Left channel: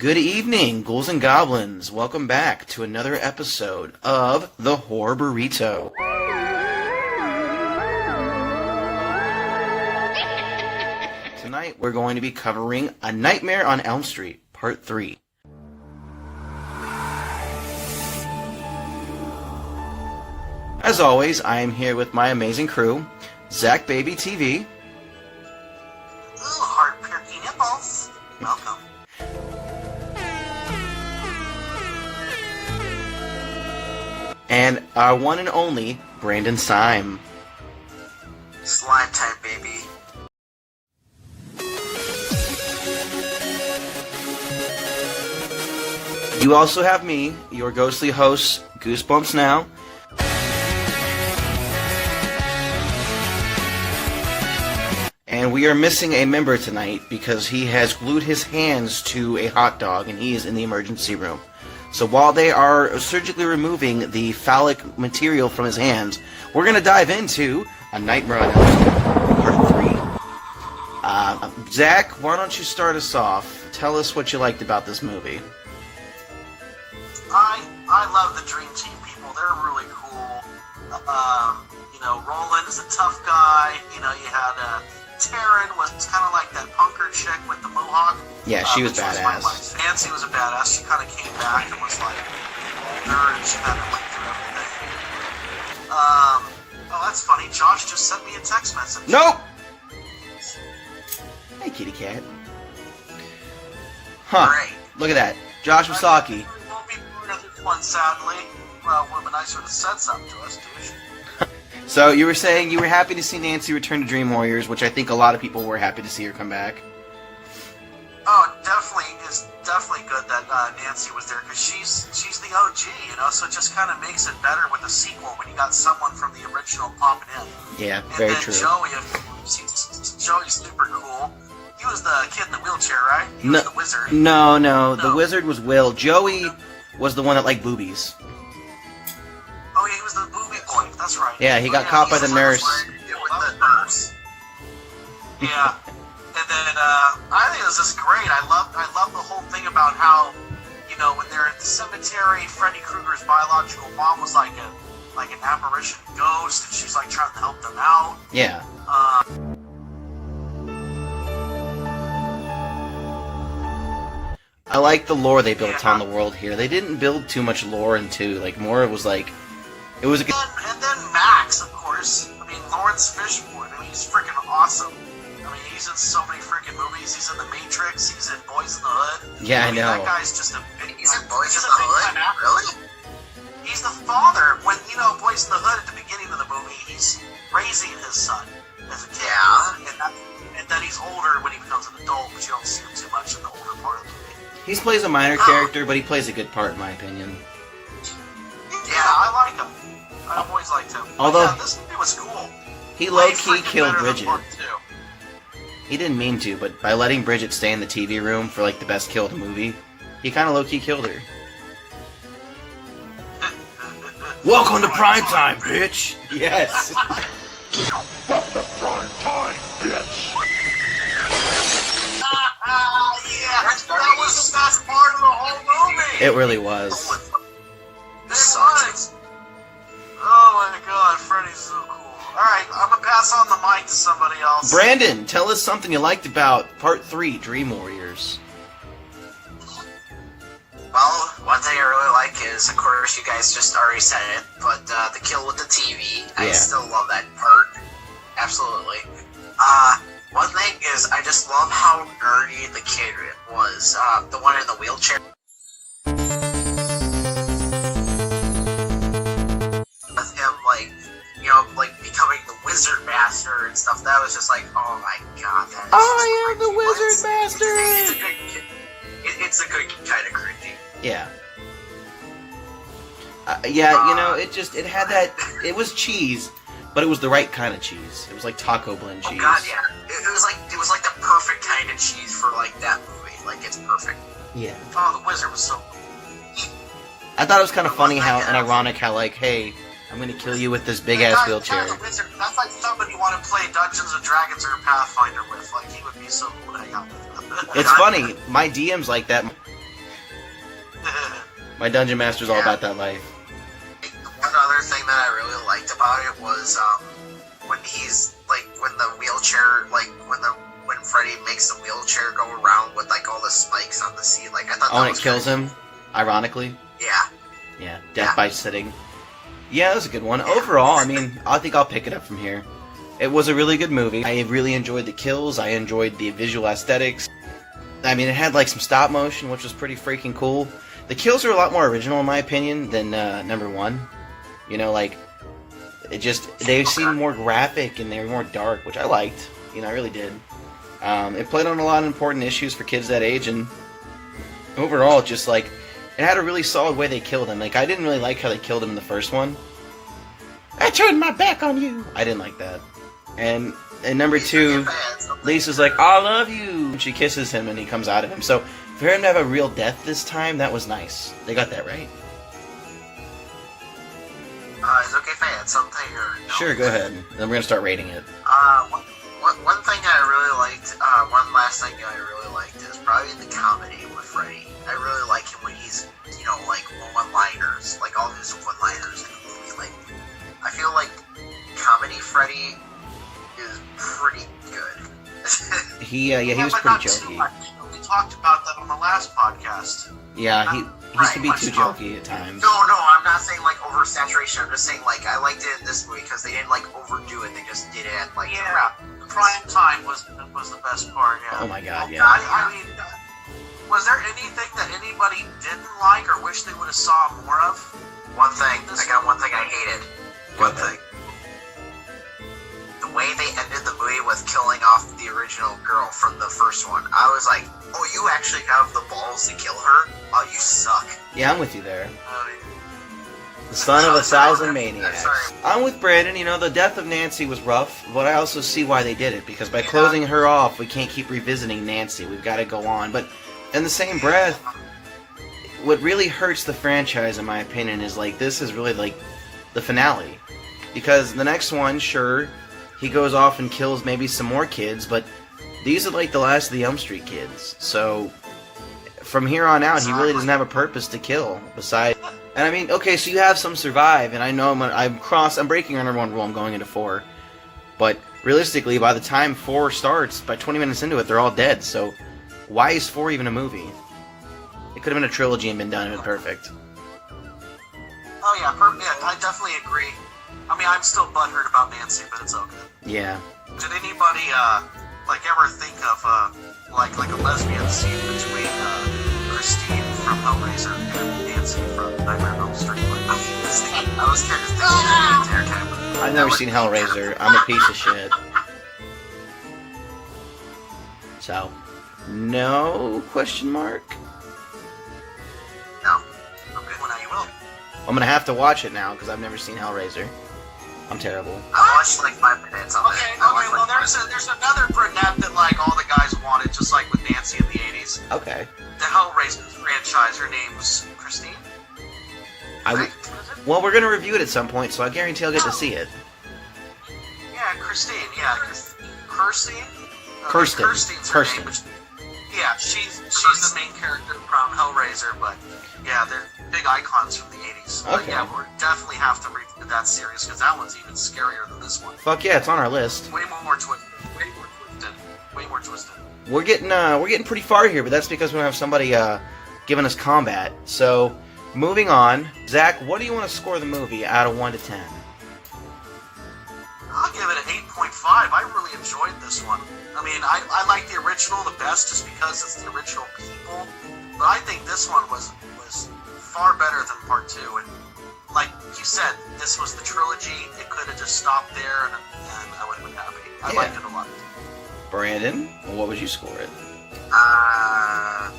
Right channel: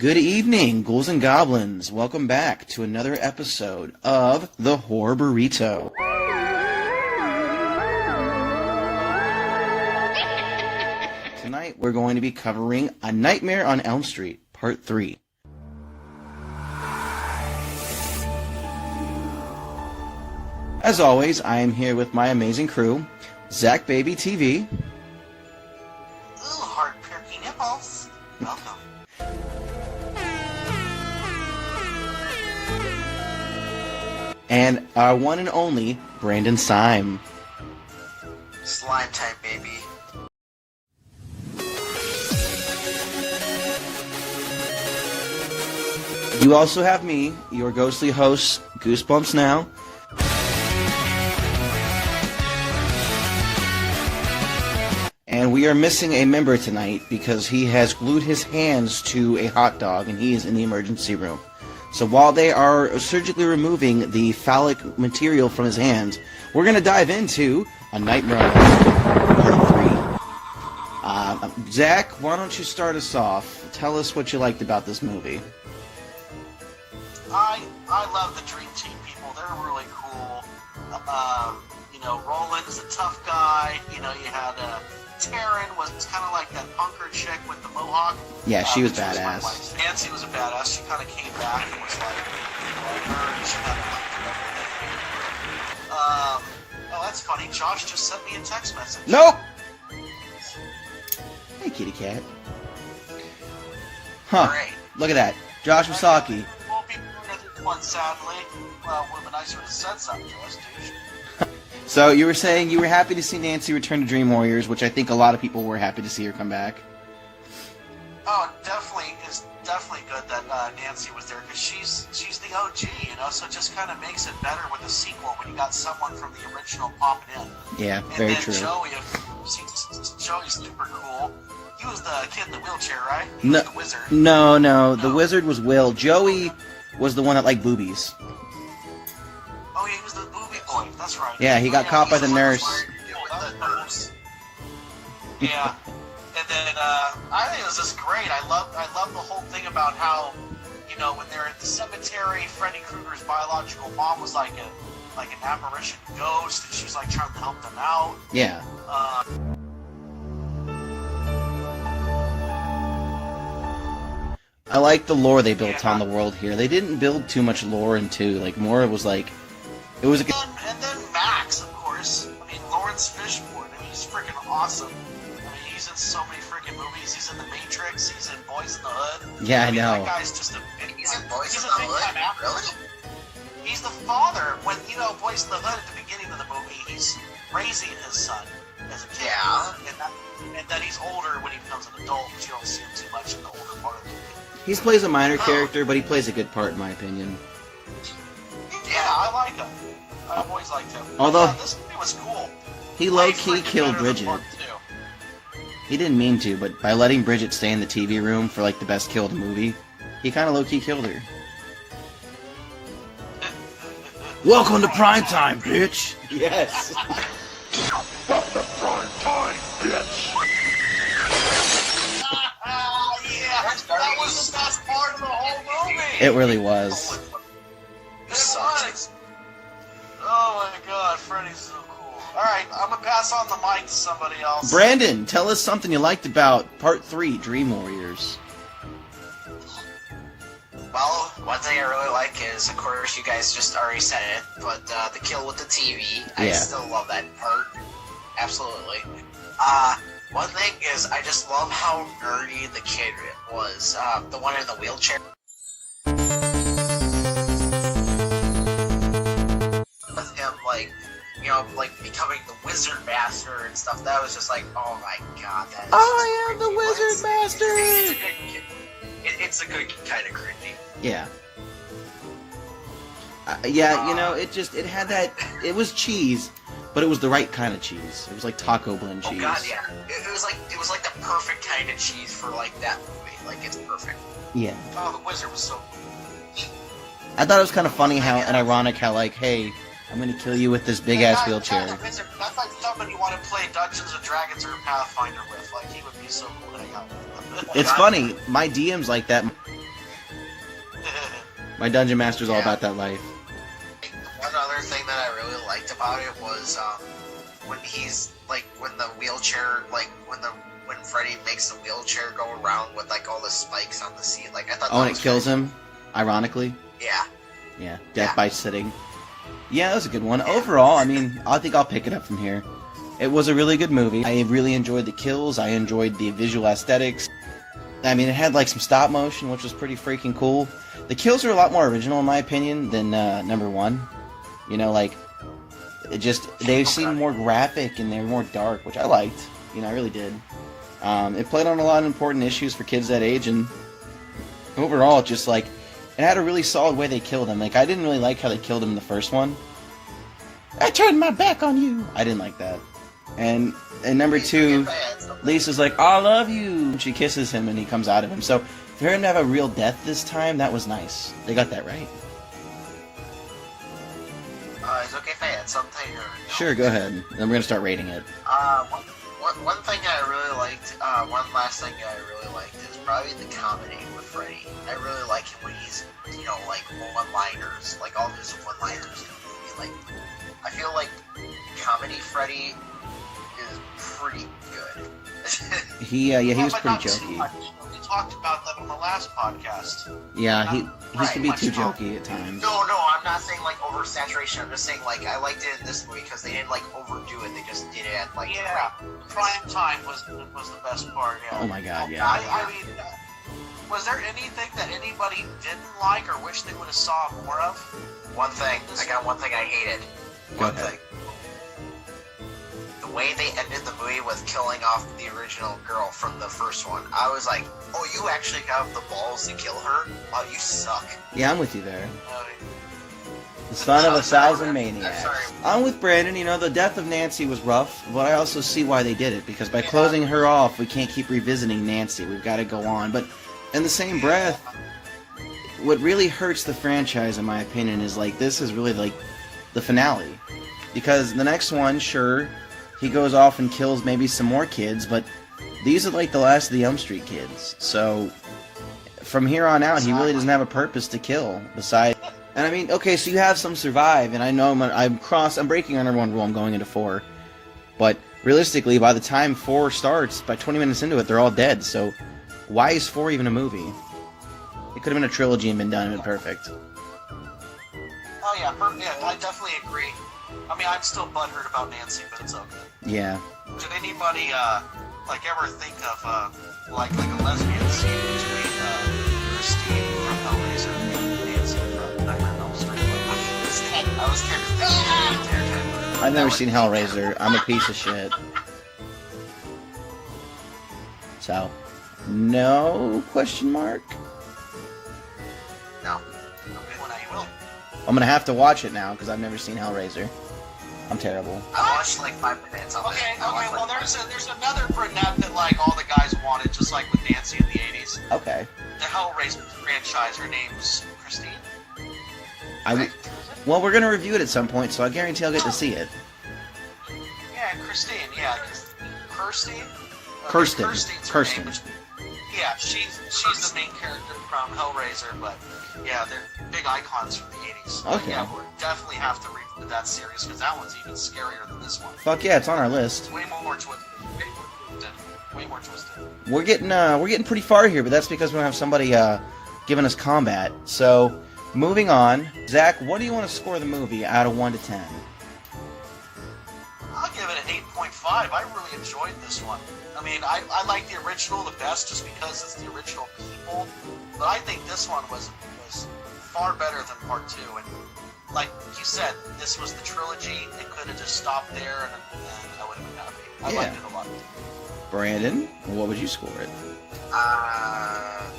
Good evening, ghouls and goblins. Welcome back to another episode of The Horror Burrito. Tonight we're going to be covering A Nightmare on Elm Street, Part 3. As always, I am here with my amazing crew, Zach Baby TV. Ooh, hard-perky nipples. Welcome. And our one and only, Brandon Sime. Slime time, baby. You also have me, your ghostly host, Goosebumps Now. And we are missing a member tonight because he has glued his hands to a hot dog and he is in the emergency room. So while they are surgically removing the phallic material from his hands, we're going to dive into A Nightmare on Elm Street, Part 3. Zach, why don't you start us off? Tell us what you liked about this movie. I love the Dream Team people. They're really cool. Roland is a tough guy. You had Taryn was kind of like that punker chick with the mohawk. Yeah, she was badass. Nancy was a badass. She kind of came back and was like nerd, and she kind of went through everything. Oh, that's funny. Josh just sent me a text message. Nope! Hey, kitty cat. Huh. Great. Look at that. Josh Wasaki. Won't be doing this one, sadly. Well, would have been nicer to have said something to us, dude. So you were saying you were happy to see Nancy return to Dream Warriors, which I think a lot of people were happy to see her come back. Oh, it's definitely good that Nancy was there because she's the OG, so it just kind of makes it better with the sequel when you got someone from the original popping in. Yeah, very true. And then Joey's super cool. He was the kid in the wheelchair, right? He was the wizard. No, the wizard was Will. Joey was the one that liked boobies. Oh, yeah, he was the booby boy. That's right. Yeah, he got caught by the nurse. Yeah. And then I think it was just great. I love the whole thing about how, when they're at the cemetery, Freddy Krueger's biological mom was like an apparition ghost, and she's like trying to help them out. Yeah. I like the lore they built on the world here. They didn't build too much lore into, more it was like, it was a... And then Max, of course. I mean, Lawrence Fishburne. He's freaking awesome. He's in so many freaking movies. He's in The Matrix. He's in Boys in the Hood. Yeah, I know. That guy's just a big... He's in Boys in the Hood? Really? He's the father. When, Boys in the Hood, at the beginning of the movie, he's raising his son as a kid. Yeah. And then he's older when he becomes an adult, because you don't see him too much in the older part of the movie. He plays a minor character, but he plays a good part, in my opinion. Yeah, I like him. I've always liked him. Although, this movie was cool. He low-key killed Bridget. He didn't mean to, but by letting Bridget stay in the TV room for, the best kill of the movie, he kind of low-key killed her. Welcome to prime time, bitch! Yes! Welcome to prime time, bitch! That was the best part of the whole movie! It really was. It was. Oh my god, Freddy's so cool. Alright, I'm gonna pass on the mic to somebody else. Brandon, tell us something you liked about Part 3, Dream Warriors. Well, one thing I really like is, of course, you guys just already said it, but the kill with the TV. I still love that part. Absolutely. One thing is, I just love how nerdy the kid was. The one in the wheelchair. With him, becoming the wizard master and stuff. That was just oh my god. I am the wizard master! It's a good kind of cringy. Yeah. It had that, it was cheese, but it was the right kind of cheese. It was like taco blend cheese. Oh god, yeah. It was like the perfect kind of cheese for that movie. It's perfect. Yeah. Oh, the wizard was so cool. I thought it was kind of funny and ironic how, hey, I'm gonna kill you with this big-ass wheelchair. That's like somebody you want to play Dungeons & Dragons or Pathfinder with. He would be so cool to hang out with. It's funny, my DM's like that. My dungeon master's all about that life. One other thing that I really liked about it was when he's like when the wheelchair, like when Freddy makes the wheelchair go around with like all the spikes on the seat. Like I thought. Oh, and it kills him. Ironically. Yeah. Yeah. Death by sitting. Yeah, that was a good one. Overall, I mean, I think I'll pick it up from here. It was a really good movie. I really enjoyed the kills. I enjoyed the visual aesthetics. I mean, it had like some stop motion, which was pretty freaking cool. The kills are a lot more original, in my opinion, than number one. You know, like, they seemed more graphic and they were more dark, which I liked. You know, I really did. It played on a lot of important issues for kids that age, and overall, just like, it had a really solid way they killed him. Like, I didn't really like how they killed him in the first one. I turned my back on you! I didn't like that. And number two, Lisa's like, I love you! And she kisses him and he comes out of him. So, for him to have a real death this time, that was nice. They got that right. Is it okay if I add something? Or no? Sure, go ahead. Then we're gonna start rating it. One thing I really liked, one last thing I really liked is probably the comedy with Freddy. I really like him when he's, you know, like one-liners, like all his one-liners in the movie. Like, I feel like comedy Freddy is pretty good. He was but pretty not too jokey. much. We talked about that on the last podcast. Yeah, he can be Right, too much jokey at times. No, I'm not saying like oversaturation. I'm just saying like I liked it in this movie because they didn't like overdo it. They just did it at like Yeah, prime time was the best part. Yeah. Oh my god, yeah. I mean, was there anything that anybody didn't like or wish they would have saw more of? One thing. I got one thing I hated. Go One ahead. thing. The way they ended the movie with killing off the original girl from the first one. I was like, oh, you actually have the balls to kill her? Oh, you suck. Yeah, I'm with you there. I mean, The son of a thousand I'm maniacs. sorry. I'm with Brandon. You know, the death of Nancy was rough, but I also see why they did it. Because by closing her off, we can't keep revisiting Nancy. We've got to go on. But in the same breath, what really hurts the franchise, in my opinion, is like this is really like the finale. Because the next one, sure, he goes off and kills maybe some more kids, but these are like the last of the Elm Street kids. So from here on out, he really doesn't have a purpose to kill. Besides, and I mean, okay, so you have some survive, and I know I'm breaking our number one rule. I'm going into 4, but realistically, by the time 4 starts, by 20 minutes into it, they're all dead. So why is 4 even a movie? It could have been a trilogy and been done and been perfect. oh yeah, I definitely agree. I mean, I'm still butthurt about Nancy, but it's okay. Yeah. Did anybody like ever think of like a lesbian scene between Christine from Hellraiser and Nancy from Nightmare on Elm Street? Like, I was trying to think the entire time. I've never seen Hellraiser. I'm a piece of shit. So, no question mark? No. Okay, well now you will. I'm gonna have to watch it now because I've never seen Hellraiser. I'm terrible. I watched like 5 minutes of Okay, it. I watched, well like, there's another brunette that like all the guys wanted, just like with Nancy in the 80s. Okay. The Hellraiser franchise, her name's Christine? Well, we're gonna review it at some point, so I guarantee I'll get to see it. Yeah, Christine, yeah. Kirsten? Kirsten. Kirsten's her Kirsten. name. Yeah, she's the main character from Hellraiser, but yeah, they're big icons from the 80s. But Okay. yeah, we'll definitely have to review that series, because that one's even scarier than this one. Fuck yeah, it's on our list. Way more twisted. Way more twisted. We're getting pretty far here, but that's because we don't have somebody giving us combat. So, moving on, Zach, what do you want to score the movie out of 1 to 10? I'll give it an 8.5. I really enjoyed this one. I mean, I like the original the best just because it's the original people, but I think this one was far better than part 2. And like you said, this was the trilogy. It could have just stopped there, and I would have been happy. I liked it a lot. Brandon, what would you score it? I'll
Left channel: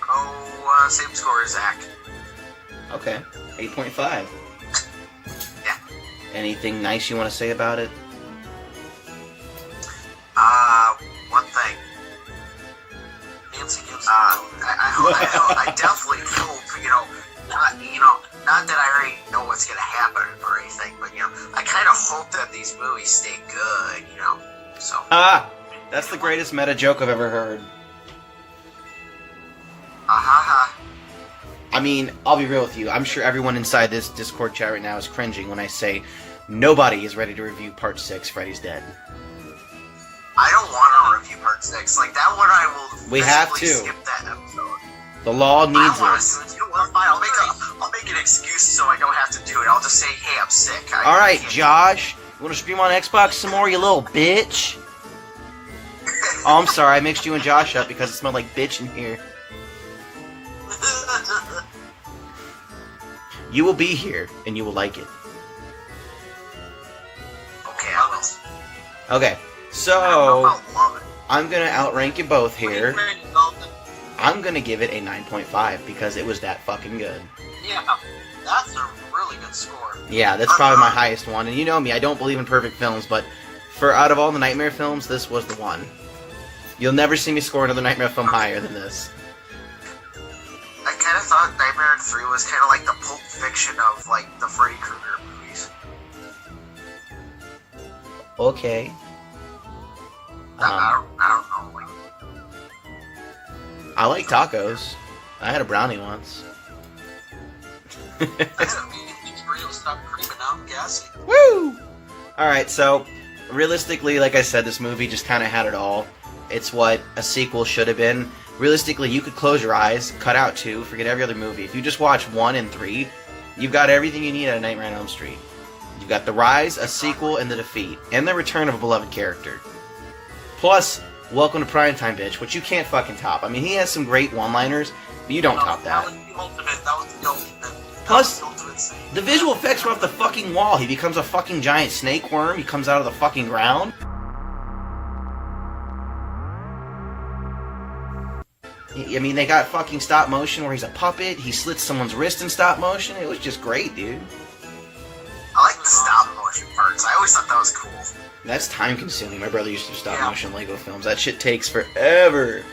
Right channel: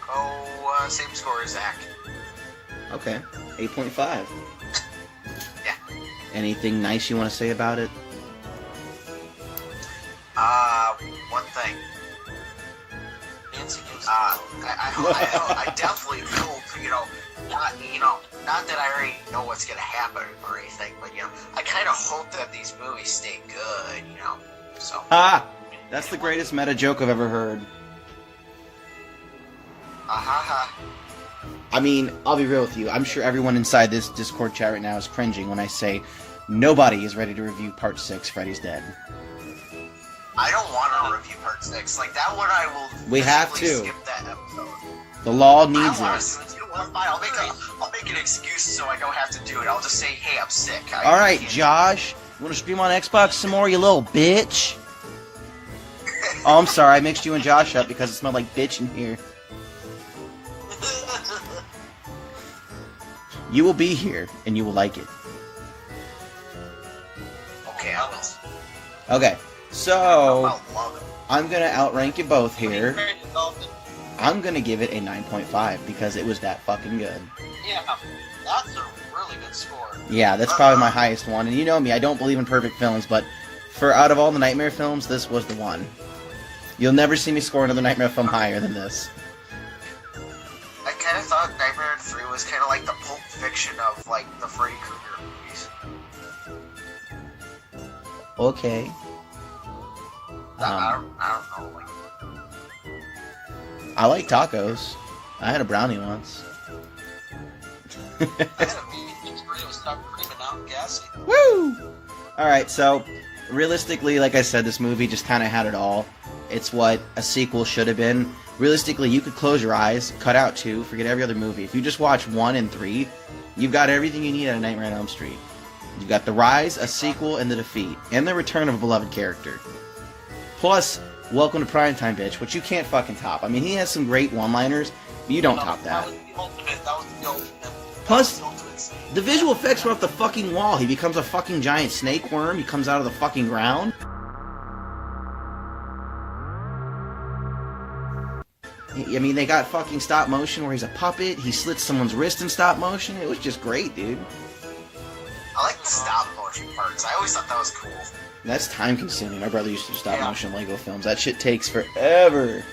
go same score as Zach. Okay, 8.5. Yeah. Anything nice you want to say about it? One thing. Nancy gives I definitely hope, not that I already know what's gonna happen or anything, but I kind of hope that these movies stay good, So Ah! That's the greatest meta joke I've ever heard. ha. I mean, I'll be real with you. I'm sure everyone inside this Discord chat right now is cringing when I say nobody is ready to review Part 6, Freddy's Dead. I don't want to review Part 6. Like, that one I will We have to. skip that episode. The law needs I want it. to. You know what? Fine. I'll make an excuse so I don't have to do it. I'll just say, hey, I'm sick. Alright, Josh. You want to stream on Xbox some more, you little bitch? Oh, I'm sorry. I mixed you and Josh up because it smelled like bitch in here. You will be here, and you will like it. Okay, I will. Okay, so I'm gonna outrank you both here. I'm gonna give it a 9.5 because it was that fucking good. Yeah, that's a really good score. Yeah, that's probably my highest one. And you know me, I don't believe in perfect films, but for out of all the Nightmare films, this was the one. You'll never see me score another Nightmare film higher than this. I kind of thought Nightmare 3 was kind of like the Pulp Fiction of, like, the Freddy Kruger movies. Okay. I don't know, like... I like tacos. I had a brownie once. Woo! Alright, so, realistically, like I said, this movie just kind of had it all. It's what a sequel should have been. Realistically, you could close your eyes, cut out 2, forget every other movie. If you just watch 1 and 3, you've got everything you need at A Nightmare on Elm Street. You've got the rise, a sequel, and the defeat, and the return of a beloved character. Plus, Welcome to Primetime, bitch, which you can't fucking top. I mean, he has some great one-liners, but you don't top that. That was the ultimate. Plus, the visual effects were off the fucking wall. He becomes a fucking giant snake worm, he comes out of the fucking ground. I mean, they got fucking stop motion where he's a puppet, he slits someone's wrist in stop motion. It was just great, dude. I like the stop motion parts. I always thought that was cool. That's time consuming. My brother used to do stop motion Lego films. That shit takes forever.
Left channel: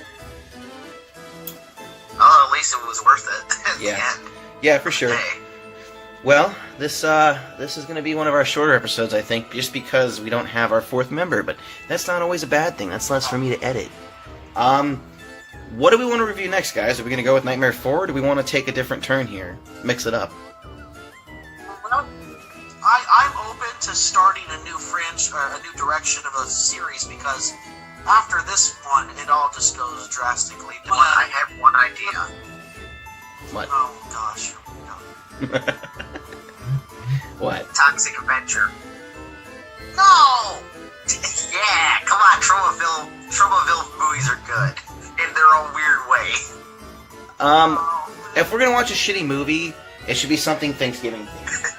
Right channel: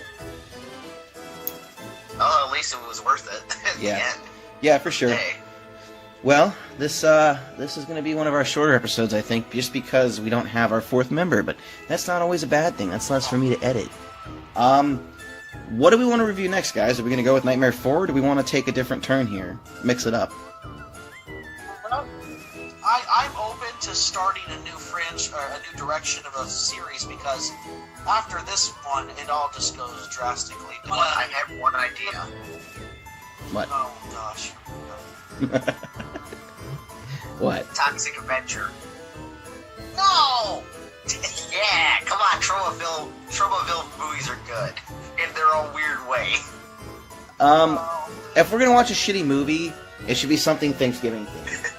Oh, at least it was worth it. Yeah. Yeah, for sure. Hey. Well, this is going to be one of our shorter episodes, I think, just because we don't have our 4th member, but that's not always a bad thing. That's less for me to edit. What do we want to review next, guys? Are we going to go with Nightmare 4, or do we want to take a different turn here? Mix it up. Well, I'm open to starting a new direction of a series because after this one, it all just goes drastically down. I had one idea. What? Oh gosh. What? Toxic Adventure. No! Yeah, come on, Tromaville movies are good. In their own weird way. If we're going to watch a shitty movie, it should be something Thanksgiving themed.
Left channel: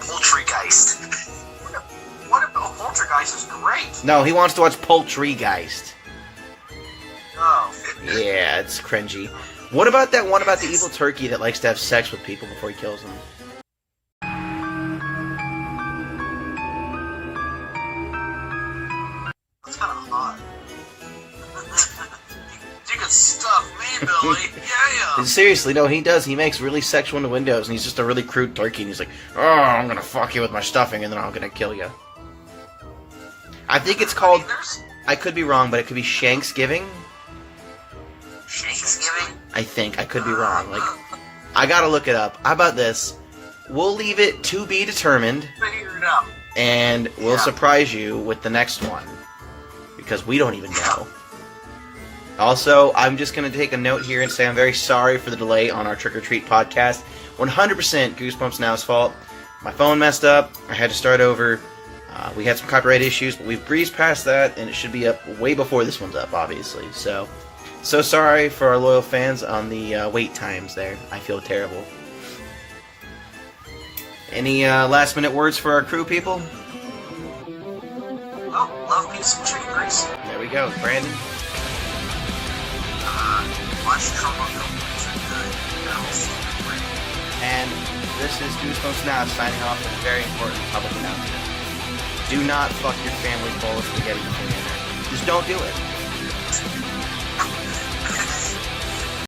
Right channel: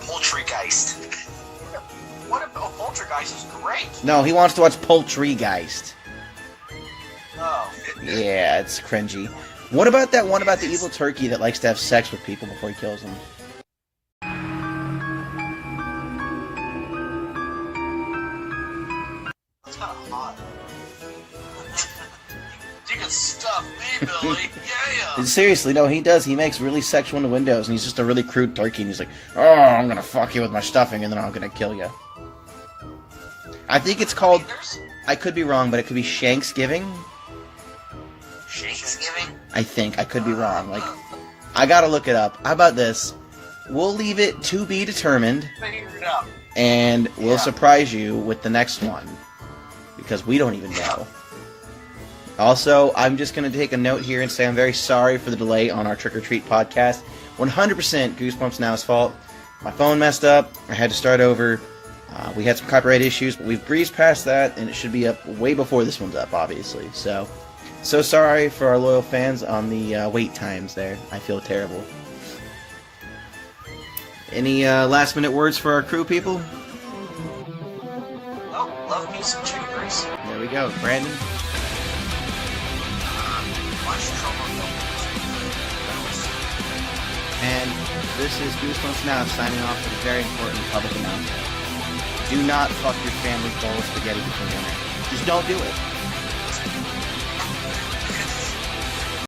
Poultrygeist. What if Poltergeist is great? No, he wants to watch Poultrygeist. Oh. Yeah, it's cringy. What about that one about the evil turkey that likes to have sex with people before he kills them? That's kind of hot. You can stuff me, Billy. Yeah. Seriously, no, he does. He makes really sexual innuendos, and he's just a really crude turkey, and he's like, oh, I'm gonna fuck you with my stuffing, and then I'm gonna kill you. I think it's called, I could be wrong, but it could be Shanksgiving? Thanksgiving? I think. I could be wrong. Like, I gotta look it up. How about this? We'll leave it to be determined, Figure it out. and we'll surprise you with the next one. Because we don't even know. Also, I'm just going to take a note here and say I'm very sorry for the delay on our Trick or Treat podcast. 100% Goosebumps Now's fault. My phone messed up. I had to start over. We had some copyright issues, but we've breezed past that, and it should be up way before this one's up, obviously. So sorry for our loyal fans on the wait times there. I feel terrible. Any last-minute words for our crew, people? Oh, love me some chicken grease. There we go. Brandon? Watch Tromaville movies are good. That was great. And this is Goosebumps Now signing off with a very important public announcement. Do not fuck your family bowl of spaghetti before dinner. Just don't do it.